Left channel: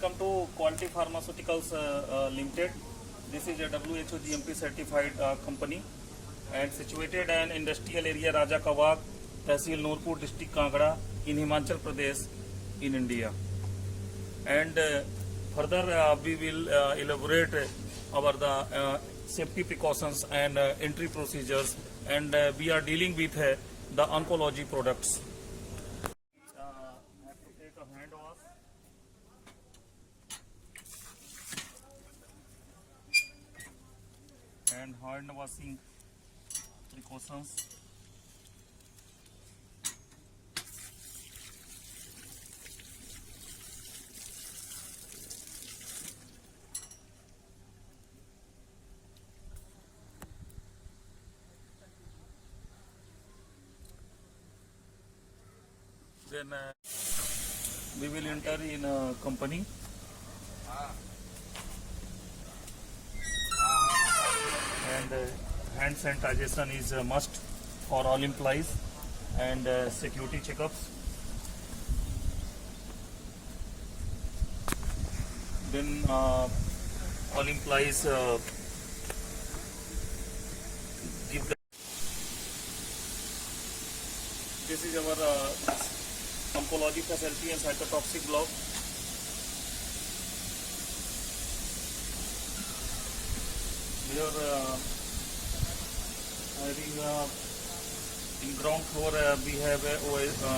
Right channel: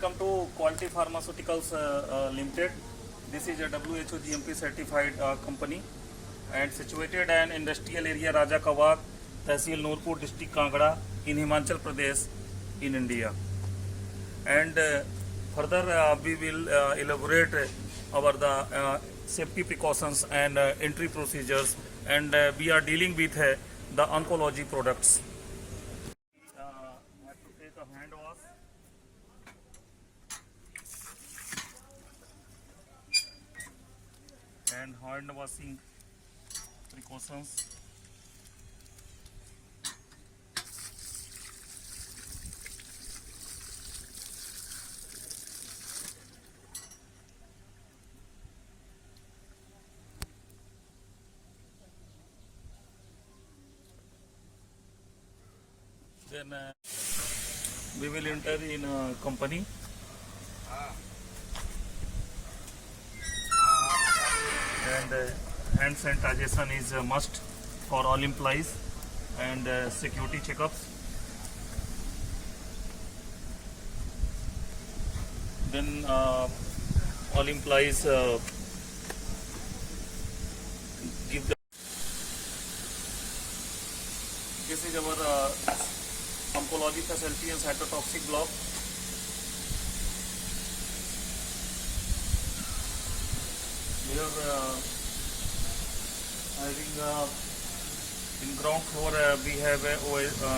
Welcome to Quality Pharmaceuticals Limited. This is a WHO GMP certified company and situated in industrial area Raja Kawag, Tehsil Nurpur, district Kangra in Himachal Pradesh in India. And further we will elaborate our the safety precautions and entry procedures, and we are dealing with the oncology products. Have to take a hand wash. And hand washing precautions. Then we will enter in a company. And hand sanitization is a must for all employees and security checkups. Then all employees give the. This is our oncology facility and cytotoxic block. We are having in ground floor we have a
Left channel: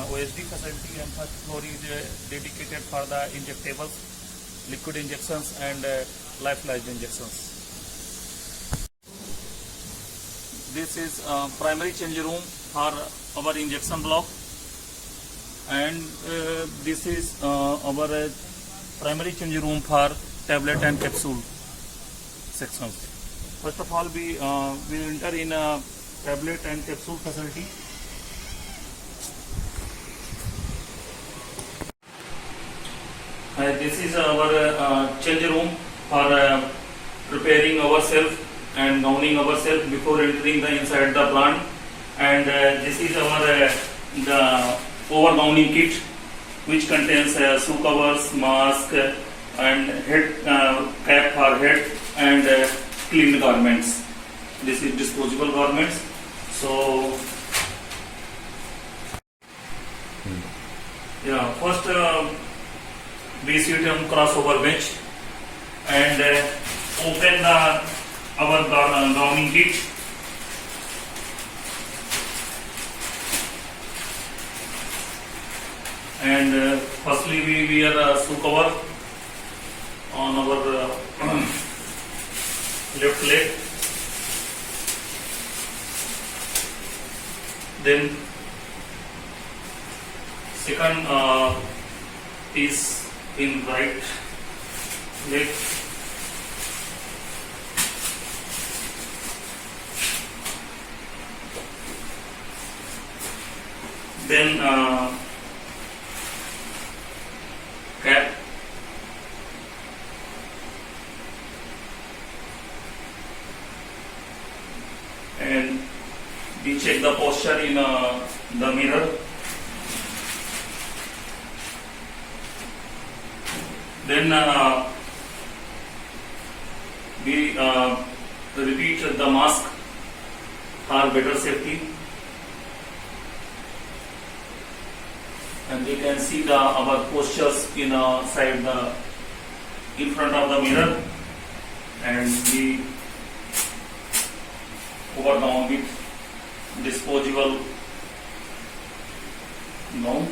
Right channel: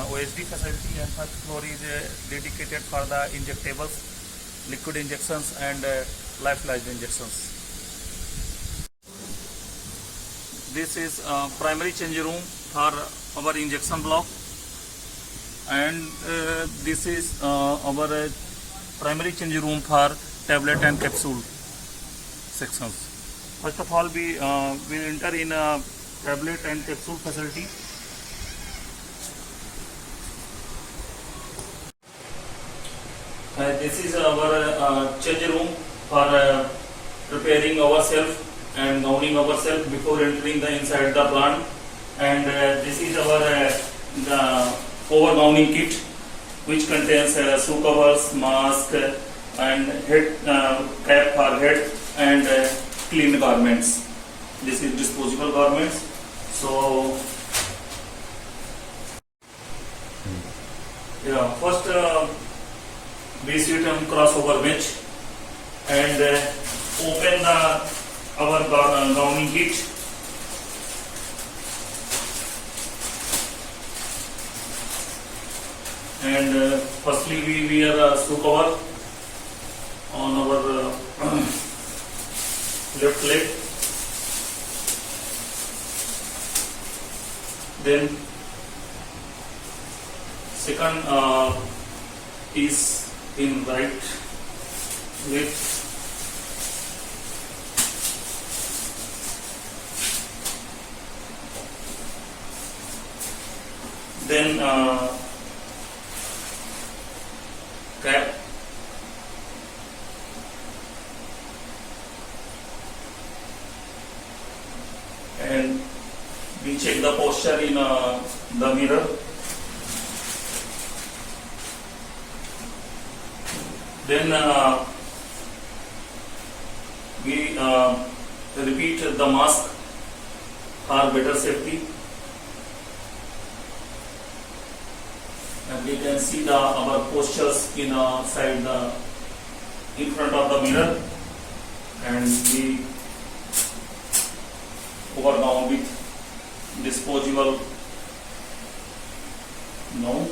OSD facility, and first floor is dedicated for the injectables, liquid injections and lyophilized injections. This is primary change room for our injection block, and this is our primary change room for tablet and capsule sections. First of all, we will enter in a tablet and capsule facility. This is our change room for preparing ourselves and gowning ourselves before entering the inside the plant. And this is our the over gowning kit, which contains shoe covers, mask, and head cap for head, and clean garments. This is disposable garments. So yeah, first we sit on crossover bench and open our gowning kit. And firstly we wear a shoe cover on our left leg. Then second piece in right leg. Then cap. And we check the posture in the mirror. Then we repeat the mask for better safety. And we can see our postures in front of the mirror, and we overgown with disposable gown.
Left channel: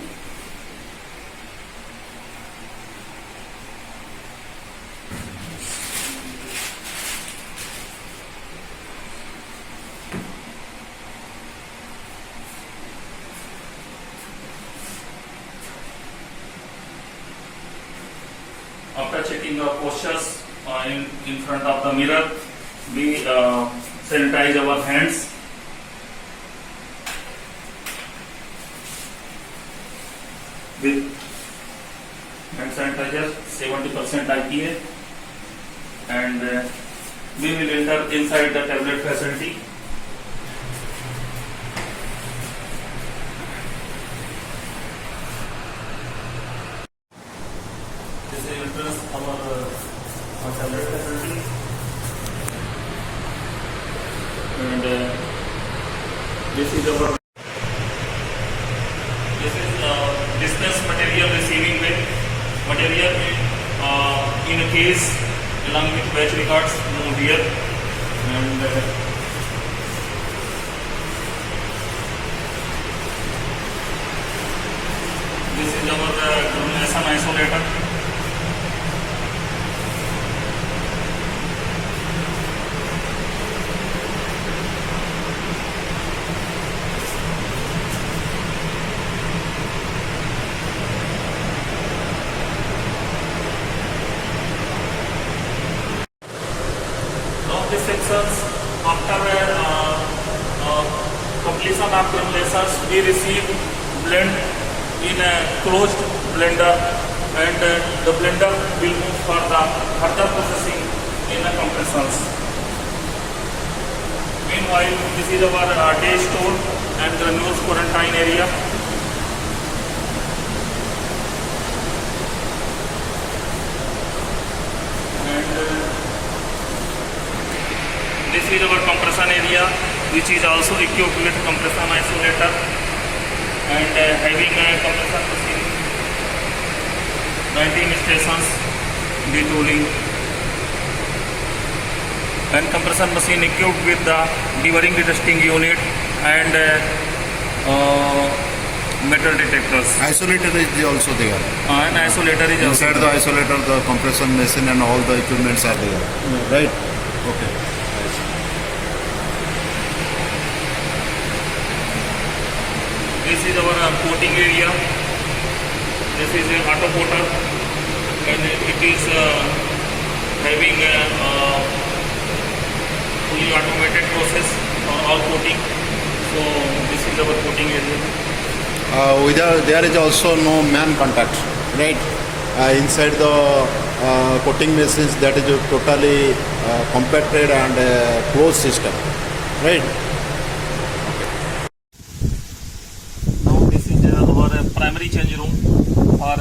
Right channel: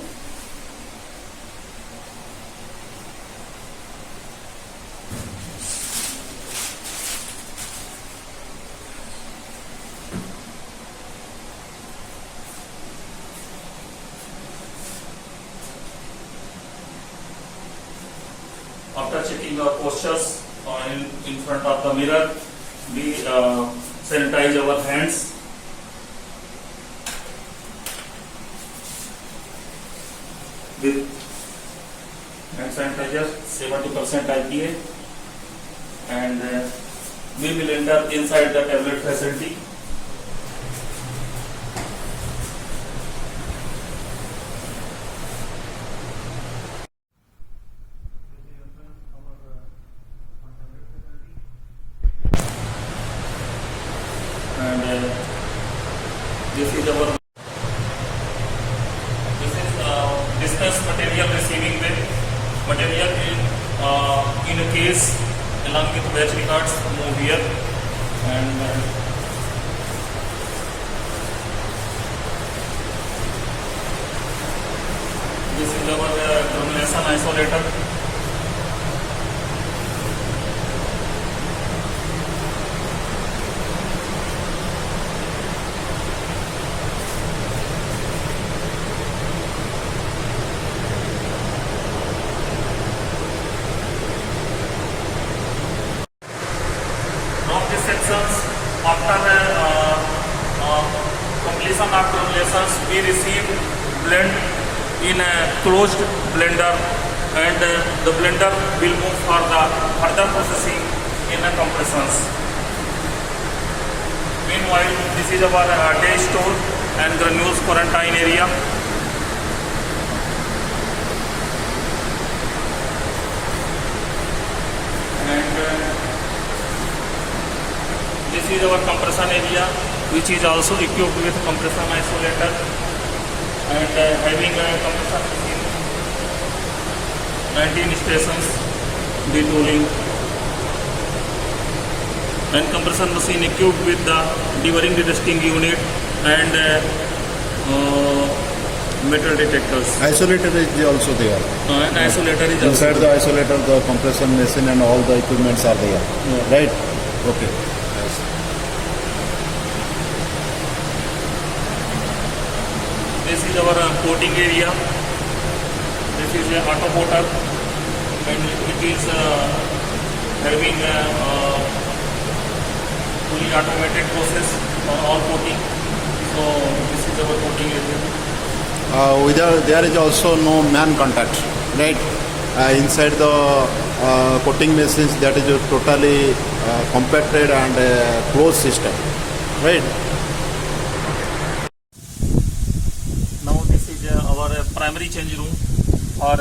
After checking our postures in front of the mirror, we sanitize our hands. With hand sanitizer 70% IPA, and we will enter inside the tablet facility. This is entrance this is our dispense material receiving bin. Material in a case along with batch records moved here, and this is our termination isolator. Of these sections, after completion of terminations, we receive blend in a closed blender, and the blender will move for the further processing in the compressions. Meanwhile, this is our day store and the news quarantine area. And this is our compression area, which is also equipped with compression isolator and having a compression machine, 19 stations, detooling, and compression machine equipped with the devouring resisting unit and metal detectors. Isolator is also there. And isolator is Inside also the isolator, the compression machine and all the equipments are there. Yeah. Right? Okay. This is our coating area. This is a auto coater, and it is having a fully automated process for all coating. So this is our coating area. There is also no man contact, right? Inside the coating machines, that is a totally compacted and closed system, right? Now this is our primary change room for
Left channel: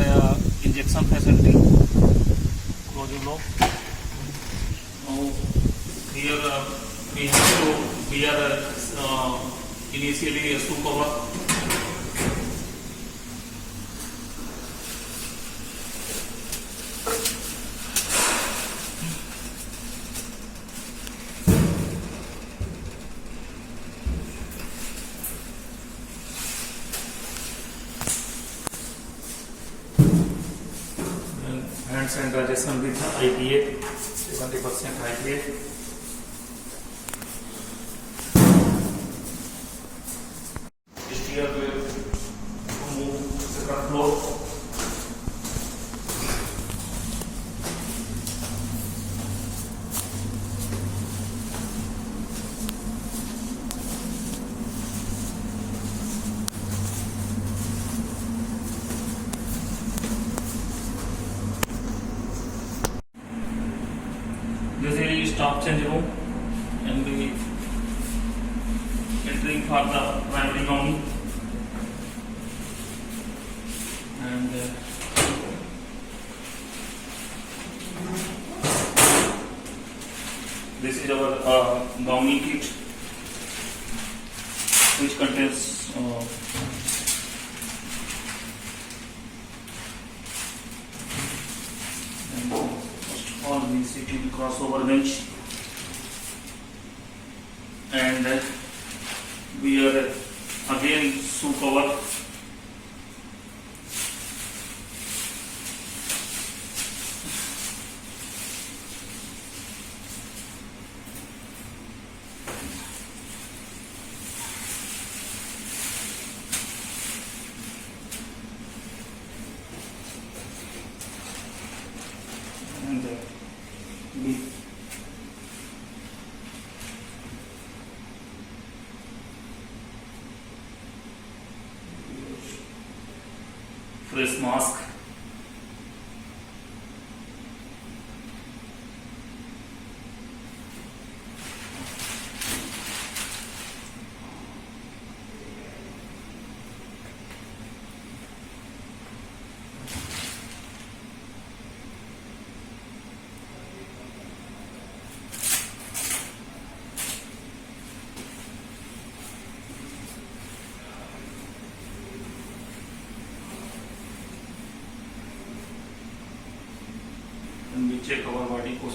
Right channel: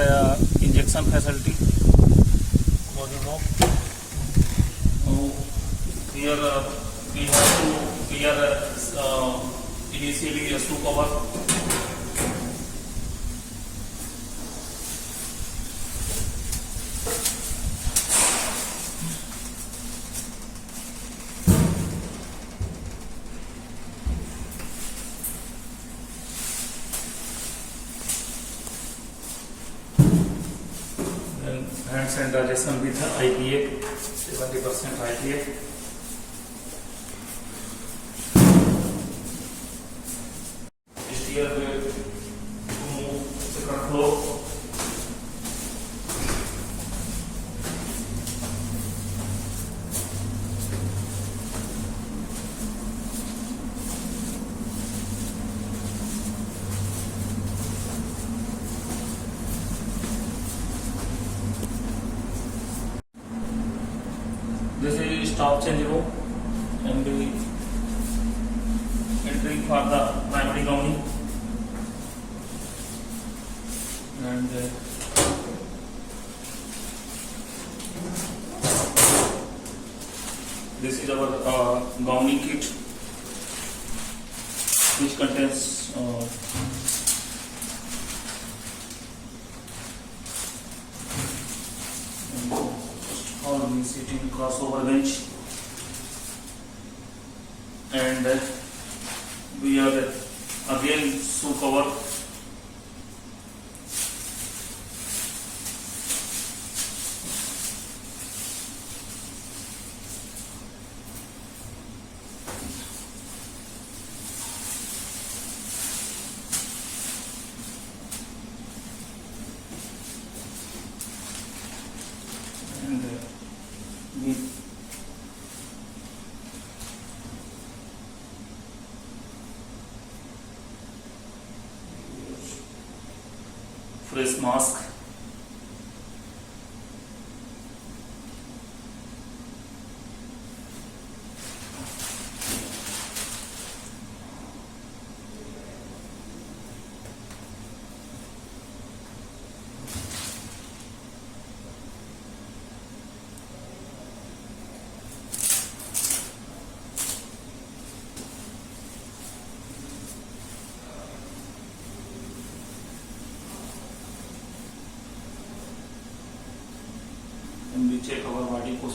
injection facility. Close it now. Here we have to clear initially a screw cover. Hand sanitization with IPA, 70% IPA. Steer wheel to move the current flow. This is stop change room, and we entering for the primary gowning, and this is our gowning kit, which contains all we sit in crossover bench, and we are again shoe cover. And we face mask.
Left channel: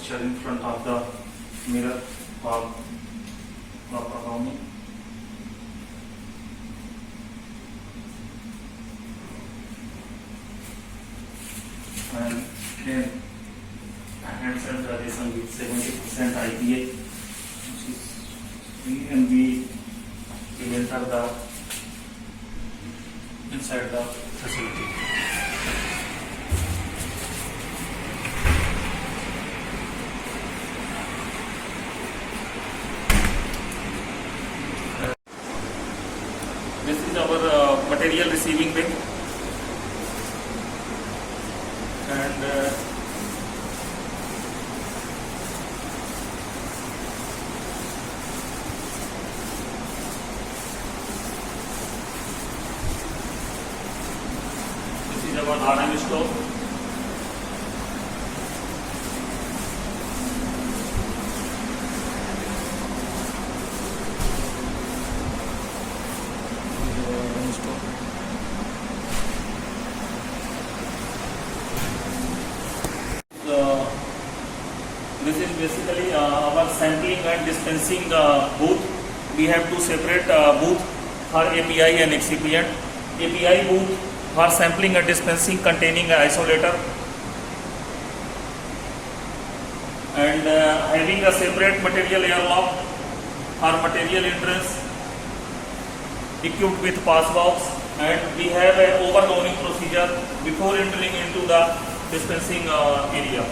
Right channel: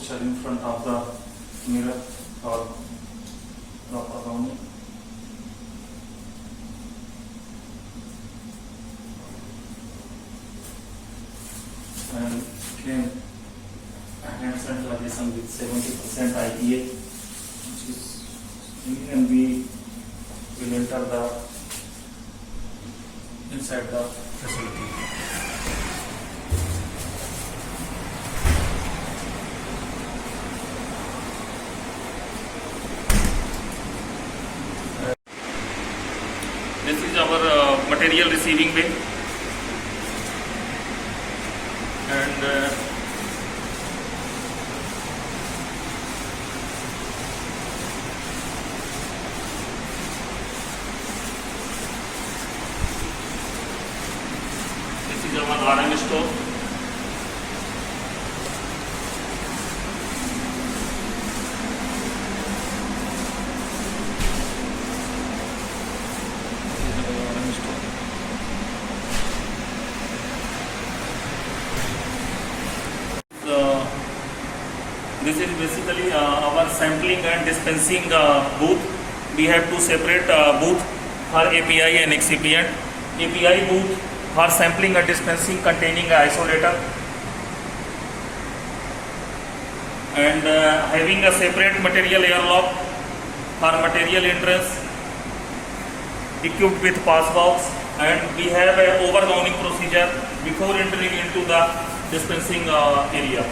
posture in front of the mirror for proper warming. And again, hand sanitization with 70% IPA, which is, and we will enter the inside the facility. This is our material receiving bay, and this is our RM store. This is basically our sampling and dispensing booth. We have two separate booth for API and excipient. API booth for sampling and dispensing containing an isolator, and having a separate material airlock for material entrance equipped with pass box, and we have an overgowning procedure before entering into the dispensing area.